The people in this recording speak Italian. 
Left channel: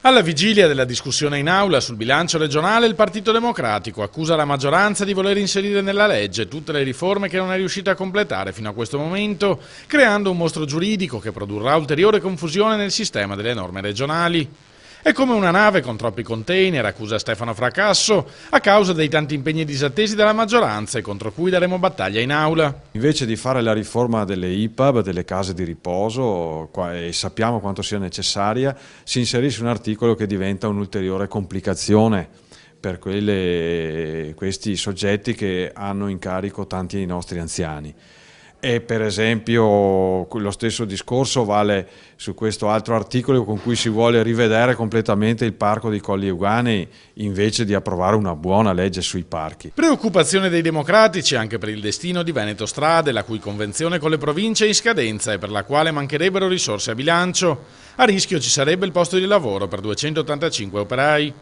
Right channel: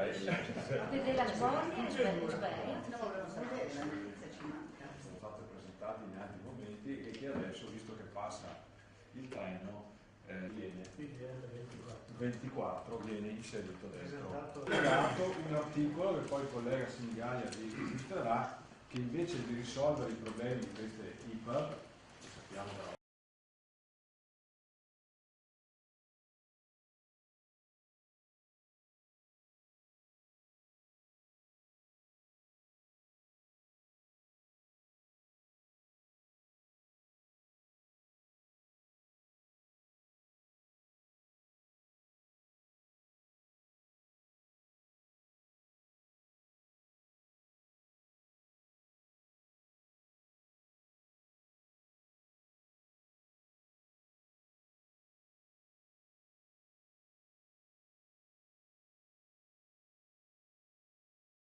Alla vigilia della discussione in aula sul bilancio regionale, il Partito Democratico accusa la maggioranza di voler inserire nella legge tutte le riforme che non è riuscita a completare fino a questo momento, creando un mostro giuridico che produrrà ulteriore confusione nel sistema delle norme regionali. È come una nave con troppi container, accusa Stefano Fracasso, a causa dei tanti impegni disattesi dalla maggioranza e contro cui daremo battaglia in aula. Invece di fare la riforma delle IPAB, delle case di riposo, e sappiamo quanto sia necessaria, si inserisce un articolo che diventa un'ulteriore complicazione per questi soggetti che hanno in carico tanti dei nostri anziani. E per esempio lo stesso discorso vale su questo altro articolo con cui si vuole rivedere completamente il parco dei Colli Euganei invece di approvare una buona legge sui parchi. Preoccupazione dei democratici anche per il destino di Veneto Strade, la cui convenzione con le province è in scadenza e per la quale mancherebbero risorse a bilancio. A rischio ci sarebbe il posto di lavoro per 285 operai.